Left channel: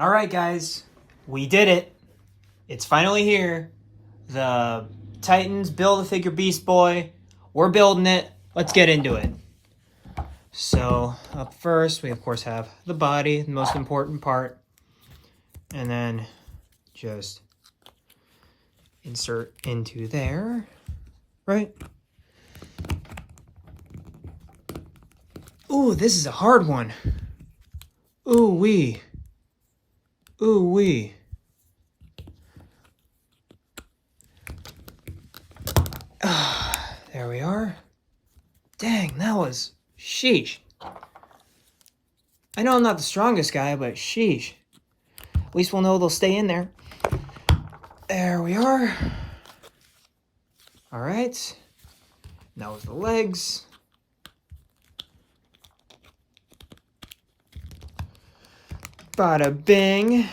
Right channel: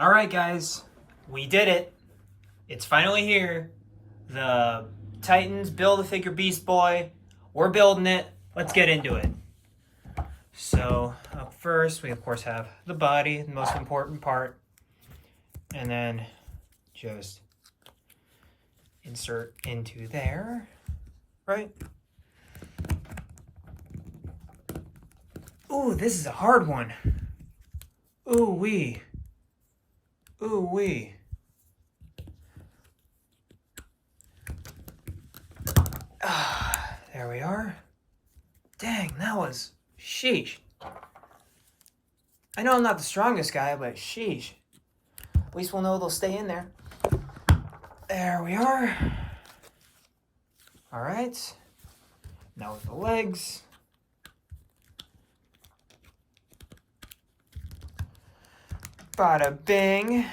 All right, guys, we did it. It's finally here. The Titans Build-A-Figure Beast Boy. We're building it. Let's get into it. So up first, we of course have the body, the most important part. And then just insert into there, right? Ooh, this is a hard one. Ooh wee. Ooh wee. There we are. Dang, that was sheesh. I know I'm not the strongest guy, but sheesh. At least we'll know they'll stay in there. There we are. All right. Now with the legs. Bada bing.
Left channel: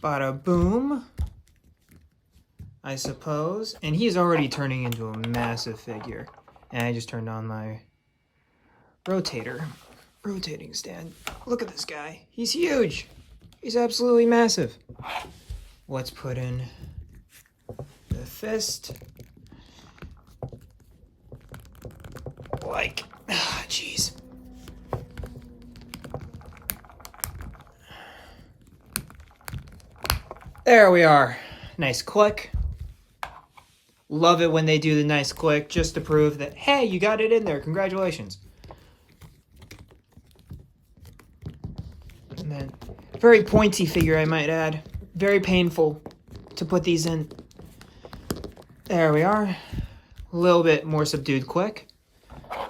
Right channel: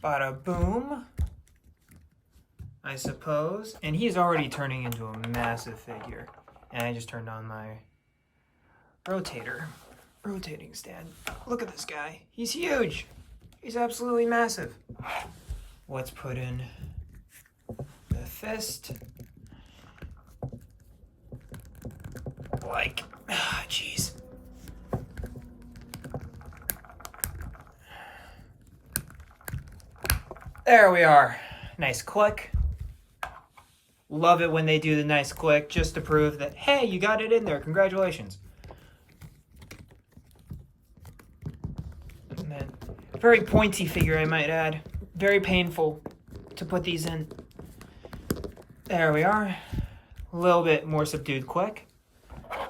Bada boom, I suppose. And he's already turning into a massive figure. And I just turned on my rotating stand. Look at this guy. He's huge. He's absolutely massive. Let's put in the fist. Like, jeez. There we are. Nice click. Love it when they do the nice click just to prove that, hey, you got it in there. Congratulations. And then, very pointy figure, I might add. Very painful to put these in. There we are. A little bit more subdued click.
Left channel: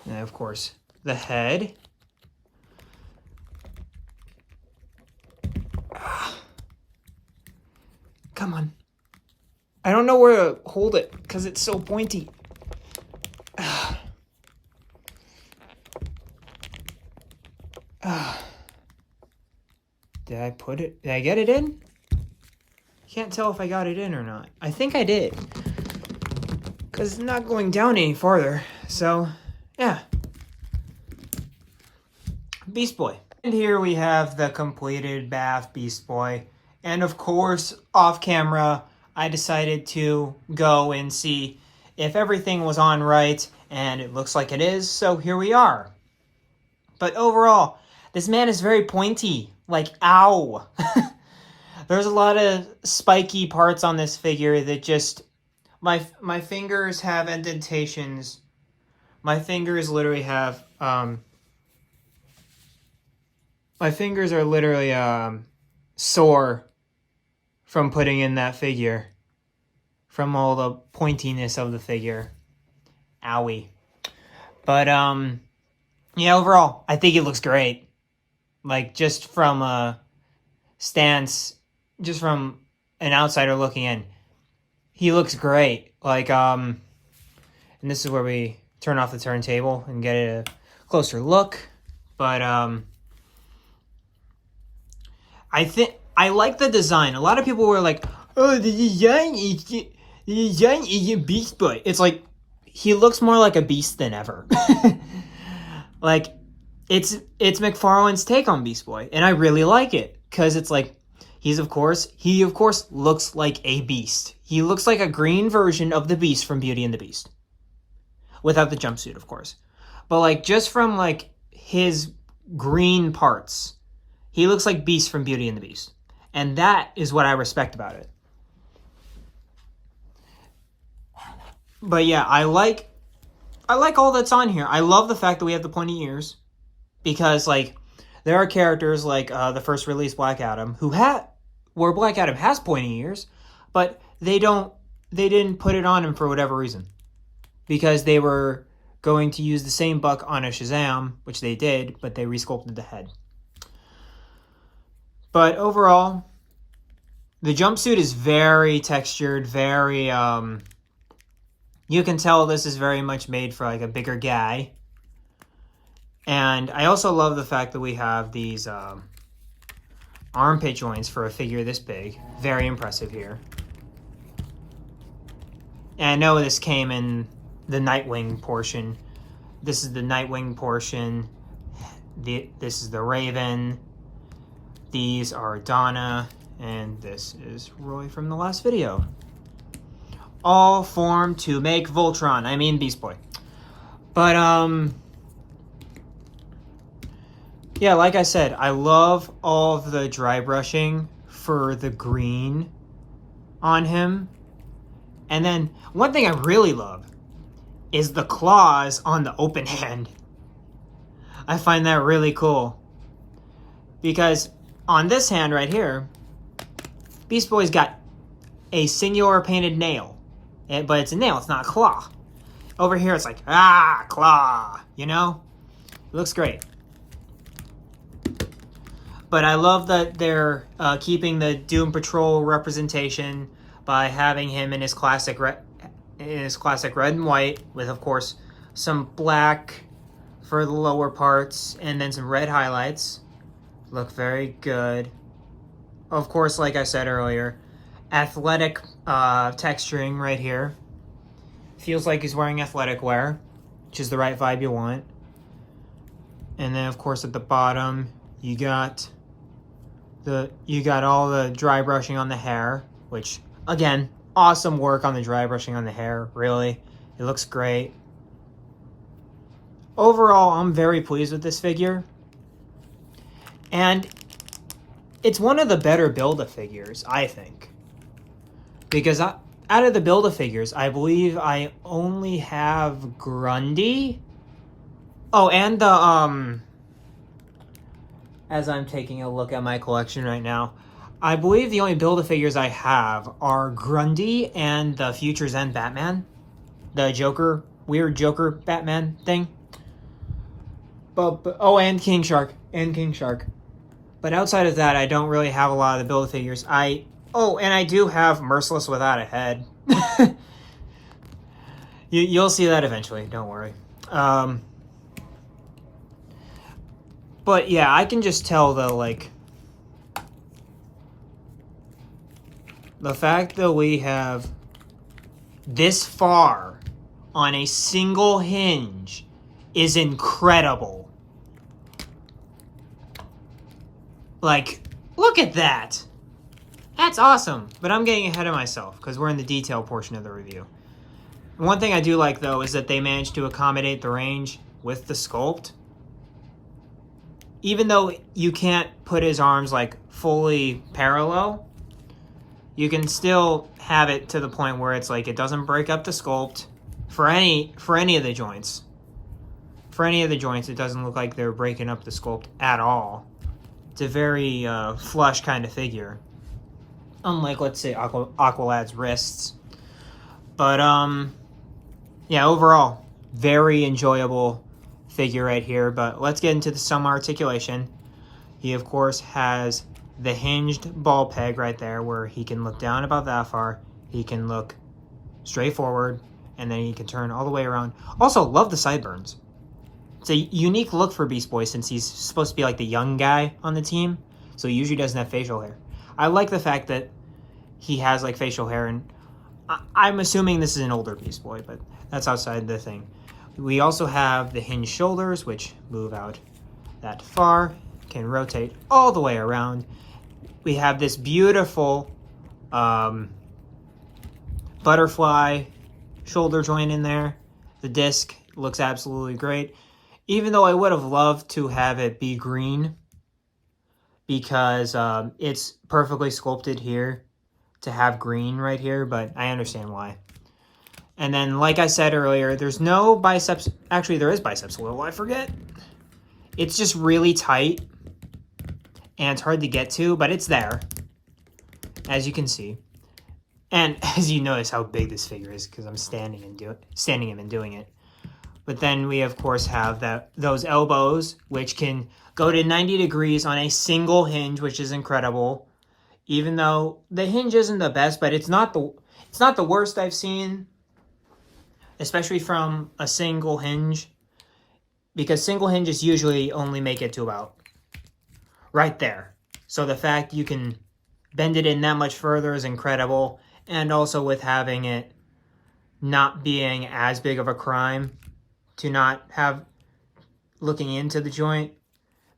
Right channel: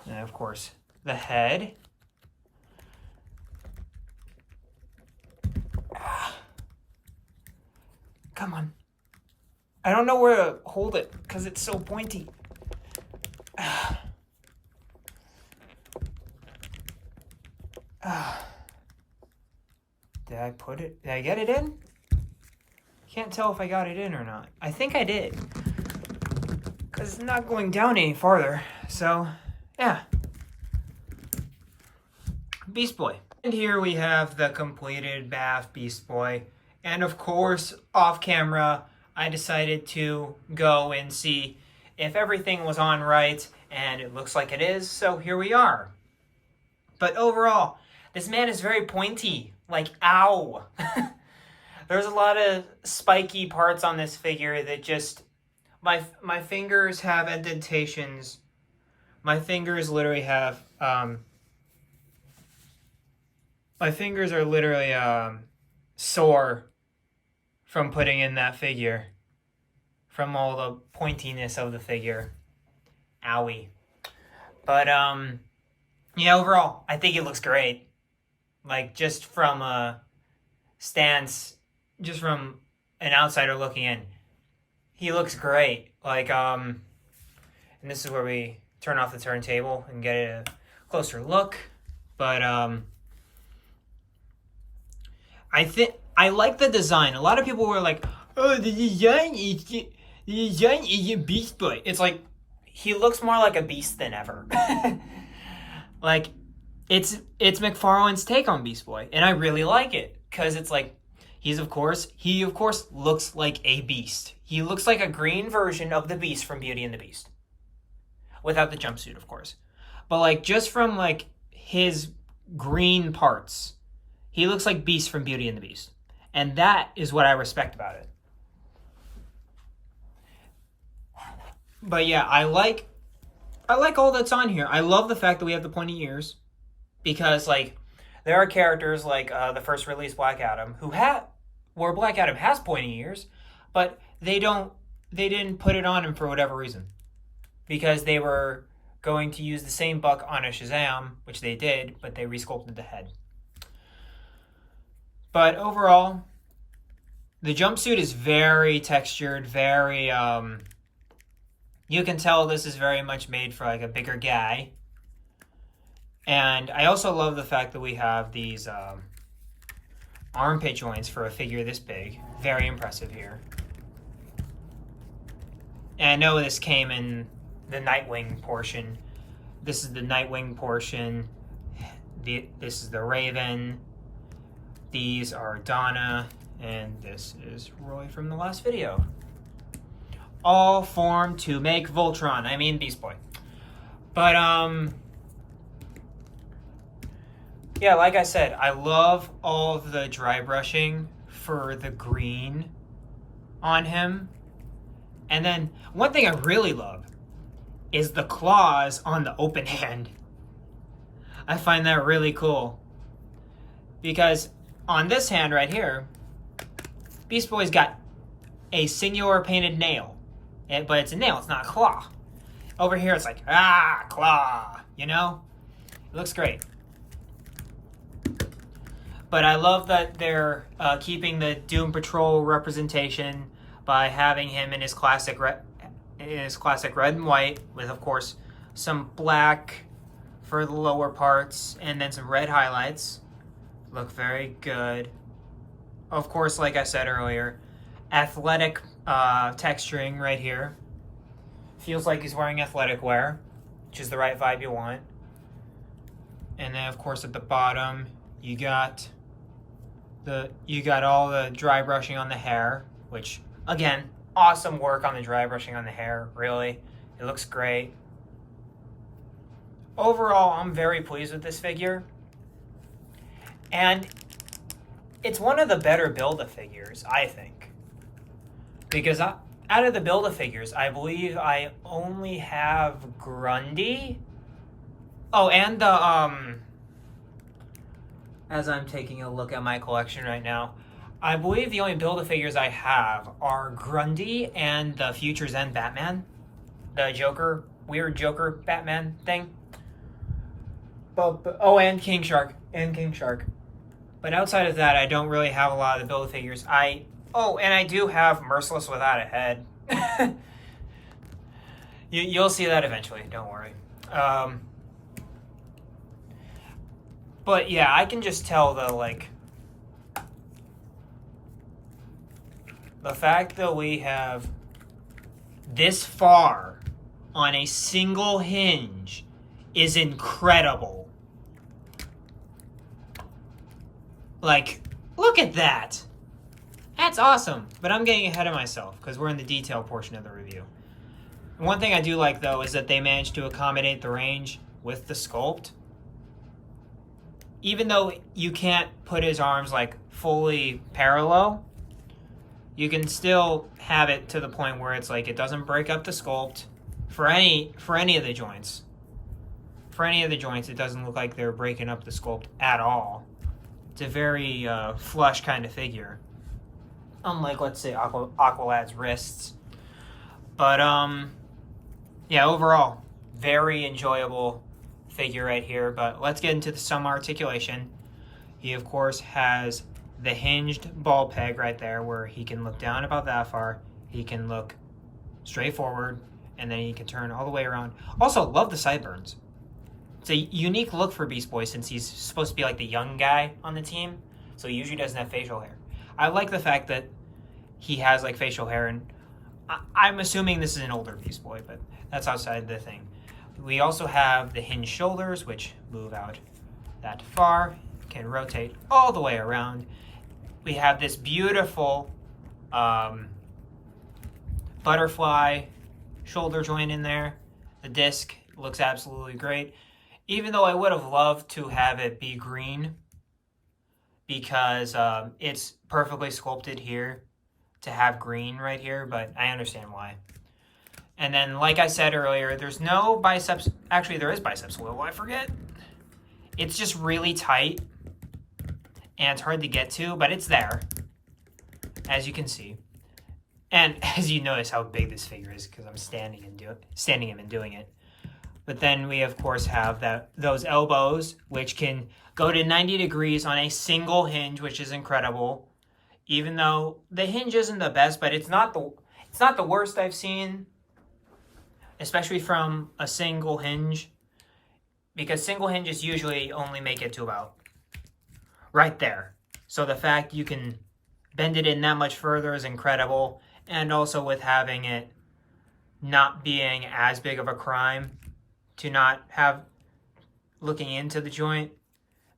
And of course, the head. Come on. I don't know where to hold it because it's so pointy. Did I put it? Did I get it in? Can't tell if I got it in or not. I think I did. Because it's not going down any farther. So, yeah. Beast Boy. And here we have the completed Bath Beast Boy. And of course, off camera, I decided to go and see if everything was on right, and it looks like it is, so here we are. But overall, this man is very pointy, like, ow. There's a lot of spiky parts on this figure that just, my fingers have indentations. My fingers literally have, my fingers are literally, sore from putting in that figure, from all the pointiness of the figure. Owie. But yeah, overall I think it looks great. Like, just from a stance, just from an outsider looking in, he looks great. Like, and this is where we turn off the turntable and get a closer look. But I like the design. A lot of people were like, "Oh, the design is a Beast Boy." It's like, he looks more like a beast than ever. Like, it's McFarlane's take on Beast Boy, and I really like it because it's like, he of course looks like a beast. He looks like a green version of the Beast from Beauty and the Beast, without the jumpsuit, of course. But like, just from like his green parts, he looks like Beast from Beauty and the Beast. And that is what I respect about it. But yeah, I like all that's on here. I love the fact that we have the pointy ears. Because, like, there are characters like the first release Black Adam, where Black Adam has pointy ears, but they didn't put it on him for whatever reason. Because they were going to use the same buck on a Shazam, which they did, but they resculpted the head. But overall, the jumpsuit is very textured, very, you can tell this is very much made for like a bigger guy. And I also love the fact that we have these armpit joints for a figure this big. Very impressive here. And I know this came in the Nightwing portion. This is the Nightwing portion. This is the Raven. These are Donna. And this is Roy from the last video. All formed to make Voltron. I mean Beast Boy. But, yeah, like I said, I love all of the dry brushing for the green on him. And then, one thing I really love is the claws on the open hand. I find that really cool. Because on this hand right here, Beast Boy's got a singular painted nail. But it's a nail, it's not a claw. Over here, it's like, claw, you know? It looks great. But I love that they're keeping the Doom Patrol representation by having him in his classic red and white, with, of course, some black for the lower parts, and then some red highlights. Look very good. Of course, like I said earlier, athletic texturing right here. Feels like he's wearing athletic wear, which is the right vibe you want. And then, of course, at the bottom, you got all the dry brushing on the hair, which, again, awesome work on the dry brushing on the hair, really. It looks great. Overall, I'm very pleased with this figure. And it's one of the better Build-A-Figures, I think. Because out of the Build-A-Figures, I believe I only have Grundy. Oh, and the, as I'm taking a look at my collection right now, I believe the only Build-A-Figures I have are Grundy and the Future's End Batman. The Joker, weird Joker Batman thing. But oh, and King Shark. But outside of that, I don't really have a lot of the Build-A-Figures. Oh, and I do have Merciless Without a Head. You'll see that eventually, don't worry. But yeah, I can just tell though, like, the fact that we have this far on a single hinge is incredible. Like, look at that. That's awesome. But I'm getting ahead of myself because we're in the detail portion of the review. One thing I do like, though, is that they managed to accommodate the range with the sculpt. Even though you can't put his arms, like, fully parallel, you can still have it to the point where it's like it doesn't break up the sculpt for any of the joints. For any of the joints, it doesn't look like they're breaking up the sculpt at all. It's a very flush kind of figure. Unlike, let's say, Aqualad's wrists. But, yeah, overall, very enjoyable figure right here. But let's get into some articulation. He, of course, has the hinged ball peg right there where he can look down about that far. He can look straight forward, and then he can turn all the way around. Also, love the sideburns. It's a unique look for Beast Boy since he's supposed to be like the young guy on the team. So he usually doesn't have facial hair. I like the fact that he has like facial hair, and I'm assuming this is an older Beast Boy, but that's outside the thing. We also have the hinged shoulders, which move out that far, can rotate all the way around. We have this beautiful butterfly shoulder joint in there. The disc looks absolutely great. Even though I would have loved to have it be green, because it's perfectly sculpted here to have green right here, but I understand why. And then, like I said earlier, there's no biceps. Actually, there is biceps oil, I forget. It's just really tight, and it's hard to get to, but it's there, as you can see. And as you notice how big this figure is, because I'm standing him and doing it. But then we, of course, have those elbows, which can go to 90 degrees on a single hinge, which is incredible. Even though the hinge isn't the best, but it's not the worst I've seen, especially from a single hinge, because single hinges usually only make it to about right there. So the fact you can bend it in that much further is incredible. And also with having it not being as big of a crime to not have looking into the joint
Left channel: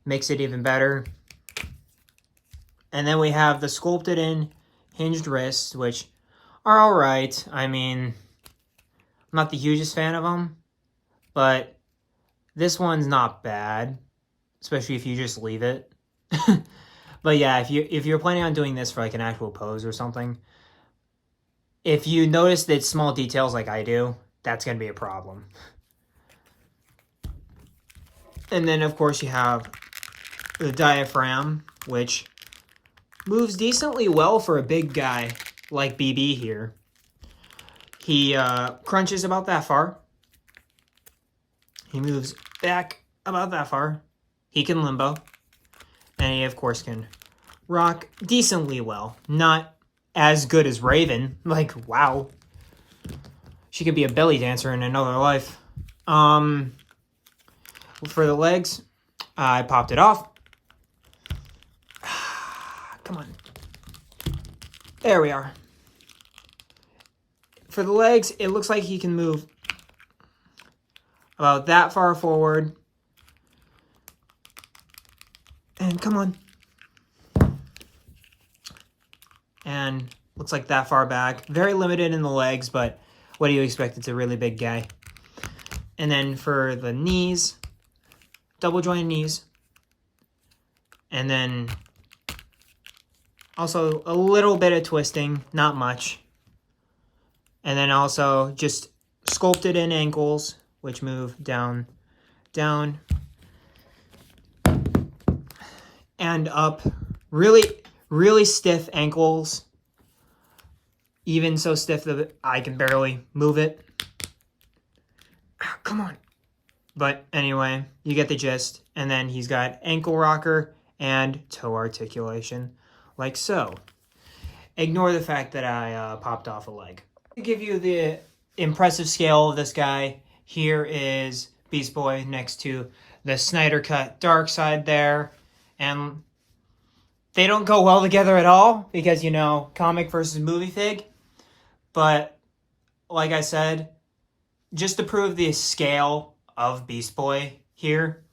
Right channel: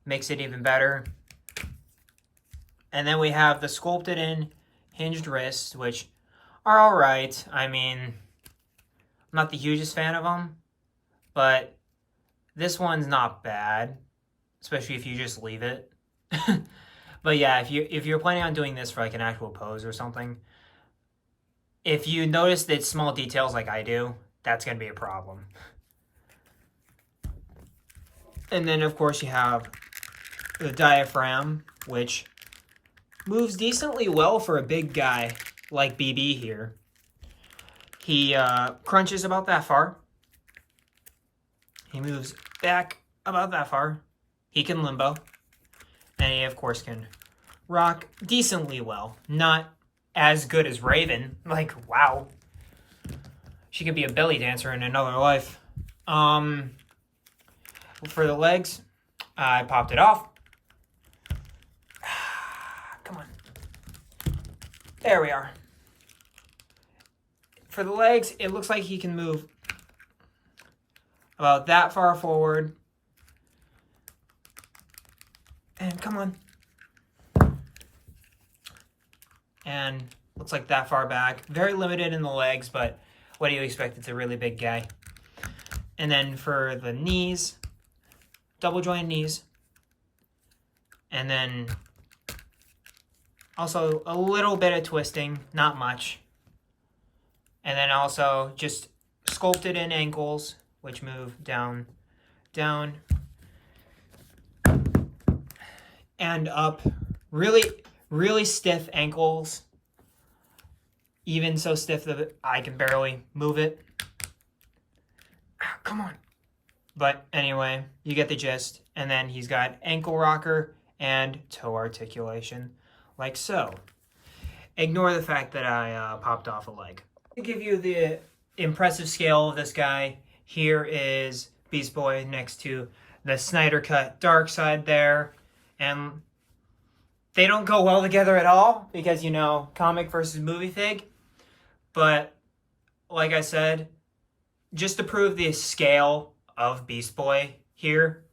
makes it even better. And then we have the sculpted in hinged wrists, which are all right. I mean, I'm not the hugest fan of them, but this one's not bad, especially if you just leave it. But yeah, if you're planning on doing this for like an actual pose or something, if you notice that small details like I do, that's going to be a problem. And then of course you have the diaphragm, which moves decently well for a big guy like BB here. He crunches about that far. He moves back about that far. He can limbo. And he, of course, can rock decently well. Not as good as Raven. Like, wow. She could be a belly dancer in another life. For the legs, I popped it off. Come on. There we are. For the legs, it looks like he can move about that far forward. And come on. And looks like that far back. Very limited in the legs, but what do you expect? It's a really big guy. And then for the knees, double jointed knees. And then also a little bit of twisting, not much. And then also just sculpted in ankles, which move down, down, and up. Really, really stiff ankles. Even so stiff that I can barely move it. Come on. But anyway, you get the gist. And then he's got ankle rocker and toe articulation, like so. Ignore the fact that I popped off a leg. To give you the impressive scale of this guy, here is Beast Boy next to the Snyder Cut Dark Side there. And they don't go well together at all because, you know, comic versus movie fig. But like I said, just to prove the scale of Beast Boy here,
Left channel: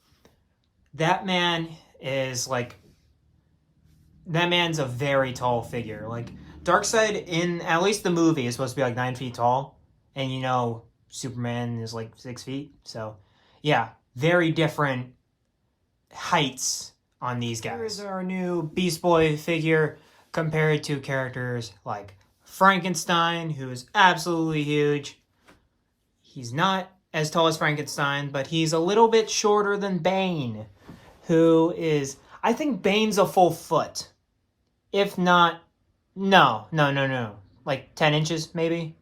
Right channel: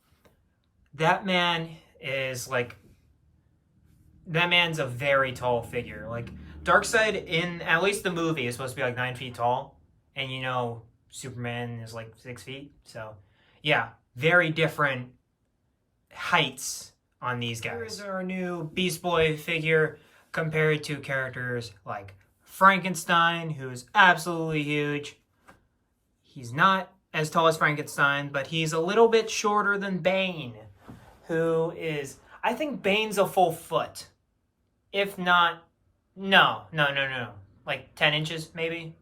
that man is like, that man's a very tall figure. Like, Darkseid in at least the movie is supposed to be like 9 feet tall. And you know, Superman is like 6 feet. So yeah, very different heights on these guys. Here's our new Beast Boy figure compared to characters like Frankenstein, who's absolutely huge. He's not as tall as Frankenstein, but he's a little bit shorter than Bane, who is, I think Bane's a full foot. If not, no. Like 10 inches, maybe?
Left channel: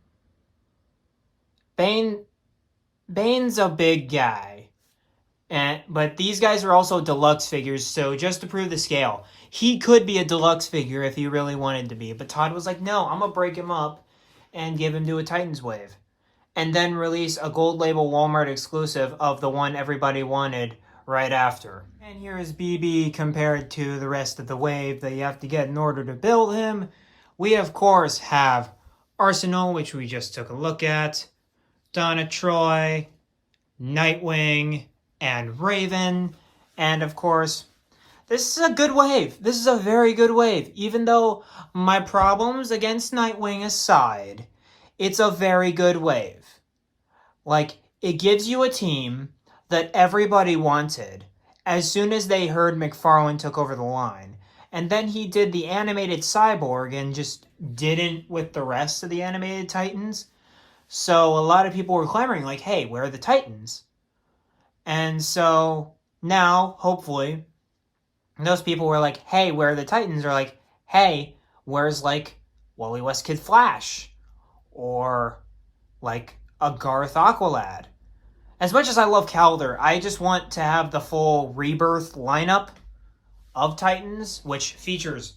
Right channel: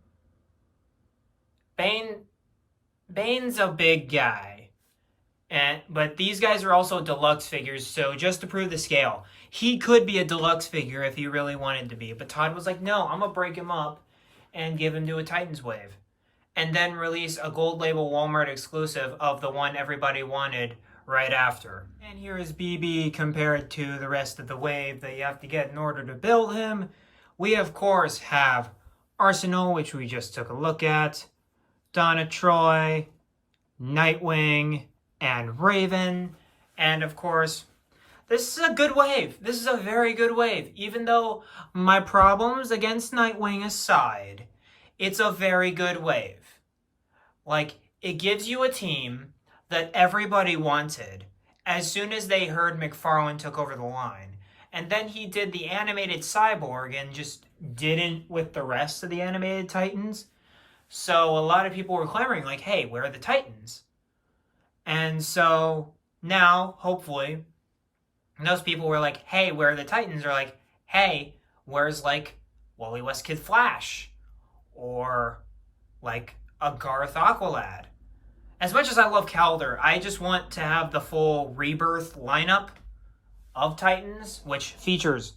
Bane's a big guy. But these guys are also deluxe figures, so just to prove the scale, he could be a deluxe figure if he really wanted to be. But Todd was like, no, I'm going to break him up and give him to a Titans wave. And then release a gold label Walmart exclusive of the one everybody wanted right after. And here is BB compared to the rest of the wave that you have to get in order to build him. We, of course, have Arsenal, which we just took a look at, Donna Troy, Nightwing, and Raven. And, of course, this is a good wave. This is a very good wave. Even though my problems against Nightwing aside, it's a very good wave. Like, it gives you a team that everybody wanted as soon as they heard McFarlane took over the line. And then he did the animated Cyborg and just didn't with the rest of the animated Titans. So a lot of people were clamoring like, hey, where are the Titans? And so now, hopefully, those people were like, hey, where are the Titans? Are like, hey, where's like Wally West Kid Flash? Or like a Garth Aqualad. As much as I love Calder, I just want to have the full Rebirth lineup of Titans, which features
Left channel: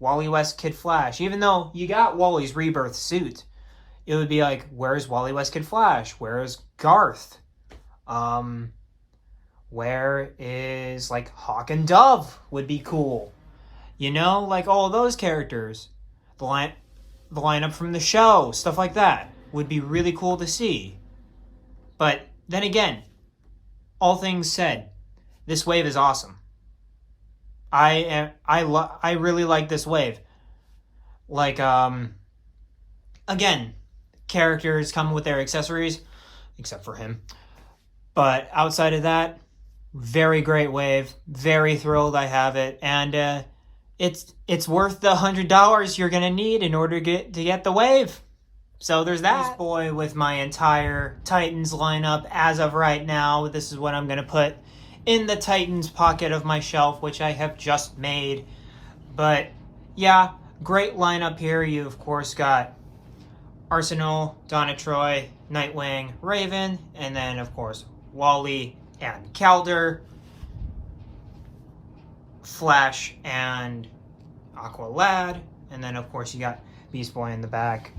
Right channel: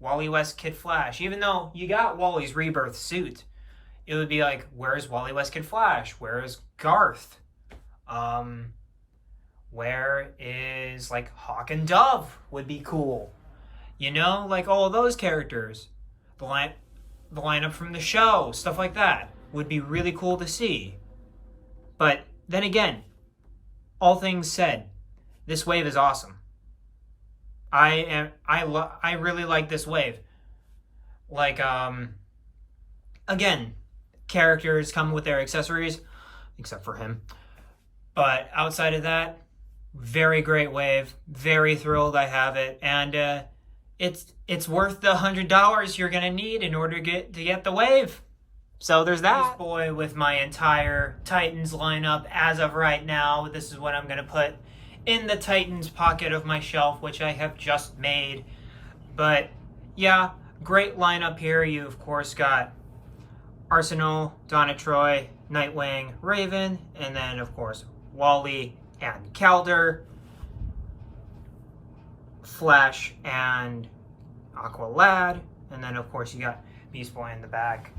Wally West Kid Flash. Even though you got Wally's Rebirth suit, it would be like, where's Wally West Kid Flash? Where is Garth? Where is like Hawk and Dove would be cool. You know, like all those characters. The lineup from the show, stuff like that would be really cool to see. But then again, all things said, this wave is awesome. I really like this wave. Like again, characters come with their accessories, except for him. But outside of that, very great wave. Very thrilled I have it, and it's worth the $100 you're gonna need in order to get the wave. So there's that. This boy with my entire Titans lineup as of right now. This is what I'm gonna put in the Titans pocket of my shelf, which I have just made. But yeah, great lineup here. You of course got Arsenal, Donna Troy, Nightwing, Raven, and then of course Wally and Calder, Flash and Aqualad, and then of course you got Beast Boy in the back.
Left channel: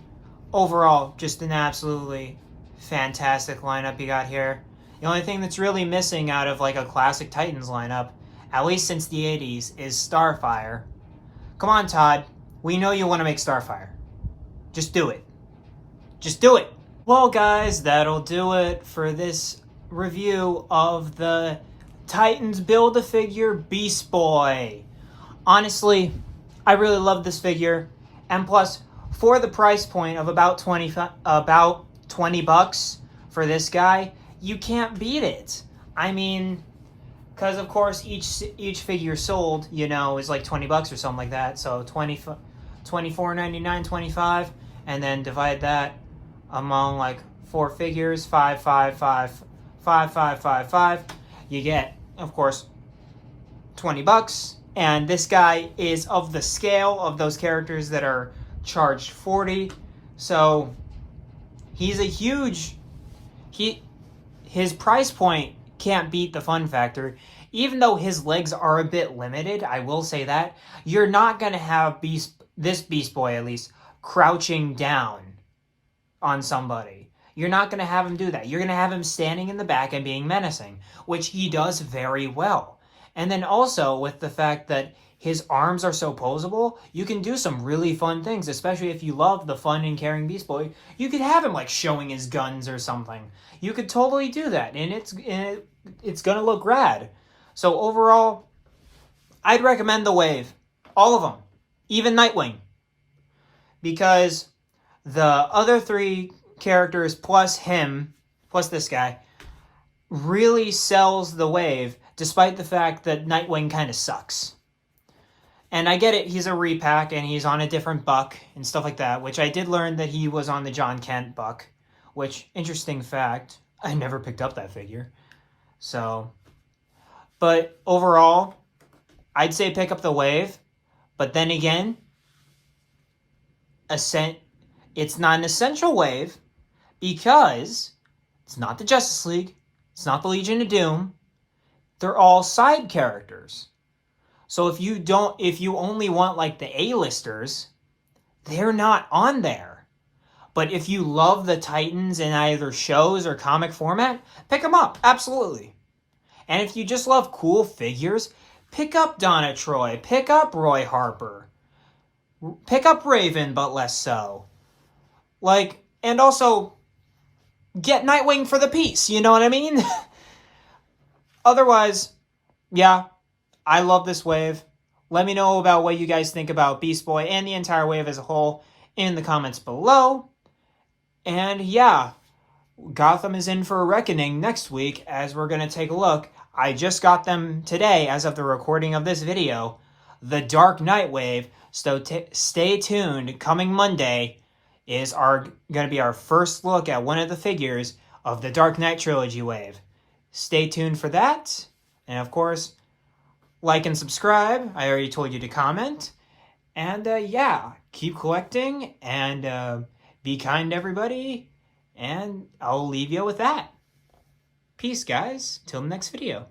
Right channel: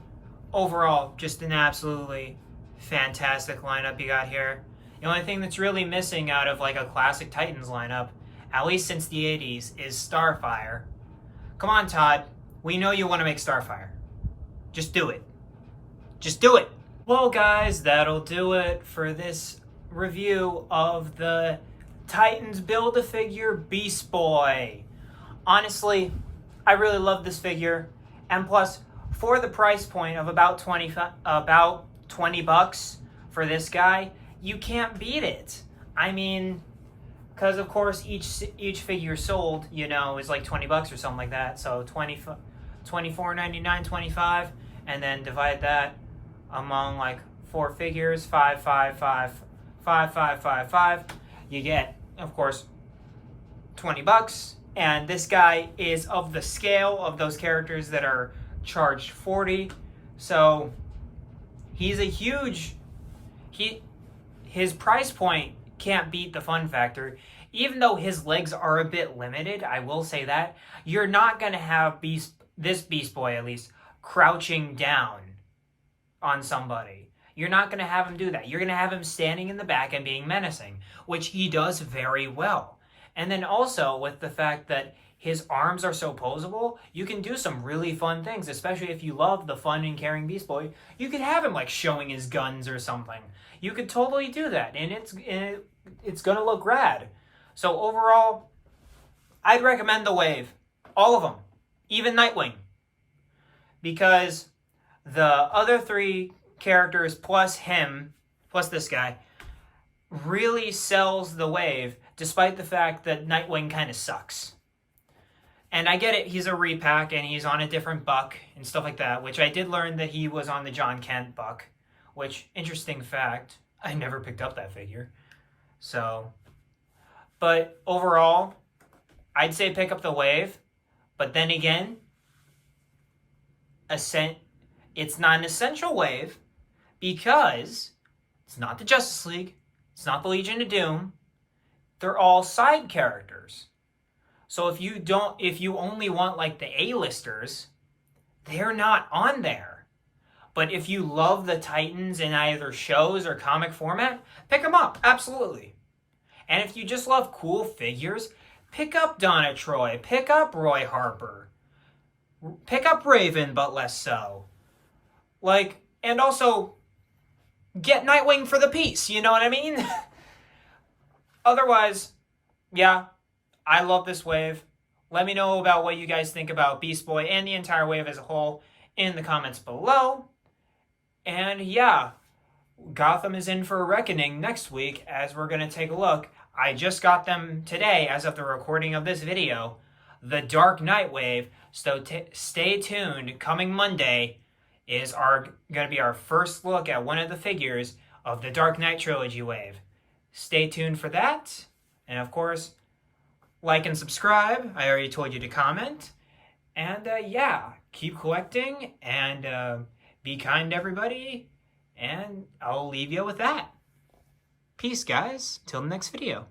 Overall, just an absolutely fantastic lineup you got here. The only thing that's really missing out of like a classic Titans lineup, at least since the 80s, is Starfire. Come on, Todd. We know you want to make Starfire. Just do it. Just do it. Well, guys, that'll do it for this review of the Titans Build-A-Figure Beast Boy. Honestly, I really love this figure, and plus, for the price point of about 20 bucks for this guy, you can't beat it. I mean, because of course each figure sold, you know, is like 20 bucks or something like that. So $24.99, 25, and then divide that among like 4 figures, 5, 5, 5, 5, 5, 5, 5. You get, of course, 20 bucks. And this guy is of the scale of those characters that are charged 40. So he's a huge, his price point can't beat the fun factor. Even though his legs are a bit limited, I will say that, you're not going to have this Beast Boy at least crouching down on somebody. You're not going to have him do that. You're going to have him standing in the back and being menacing, which he does very well. And then also with the fact that his arms are so posable, you can do some really fun things, especially if you love the fun in carrying Beast Boy. You could have him like showing his guns or something. You could totally do that, and it's going to look rad. So overall, I'd recommend the wave. All of them. Even Nightwing. Because the other 3 characters plus him, plus this guy, really sells the wave, despite the fact that Nightwing kind of sucks. And I get it, he's a repack and he's on a different buck and stuff like that, which I did learn that he was on the John Kent buck, which, interesting fact, I never picked up that figure. So, but overall, I'd say pick up the wave, but then again, it's not an essential wave because it's not the Justice League, it's not the Legion of Doom, they're all side characters. So if you only want like the A-listers, they're not on there. But if you love the Titans in either shows or comic format, pick them up, absolutely. And if you just love cool figures, pick up Donna Troy, pick up Roy Harper, pick up Raven, but less so. Like, and also get Nightwing for the piece, you know what I mean? Otherwise, yeah, I love this wave. Let me know about what you guys think about Beast Boy and the entire wave as a whole in the comments below. And yeah, Gotham is in for a reckoning next week as we're going to take a look. I just got them today as of the recording of this video. The Dark Knight wave. So stay tuned. Coming Monday is going to be our first look at one of the figures of the Dark Knight trilogy wave. Stay tuned for that. And of course, like and subscribe. I already told you to comment. And yeah, keep collecting and be kind to everybody. And I'll leave you with that. Peace, guys. Till the next video.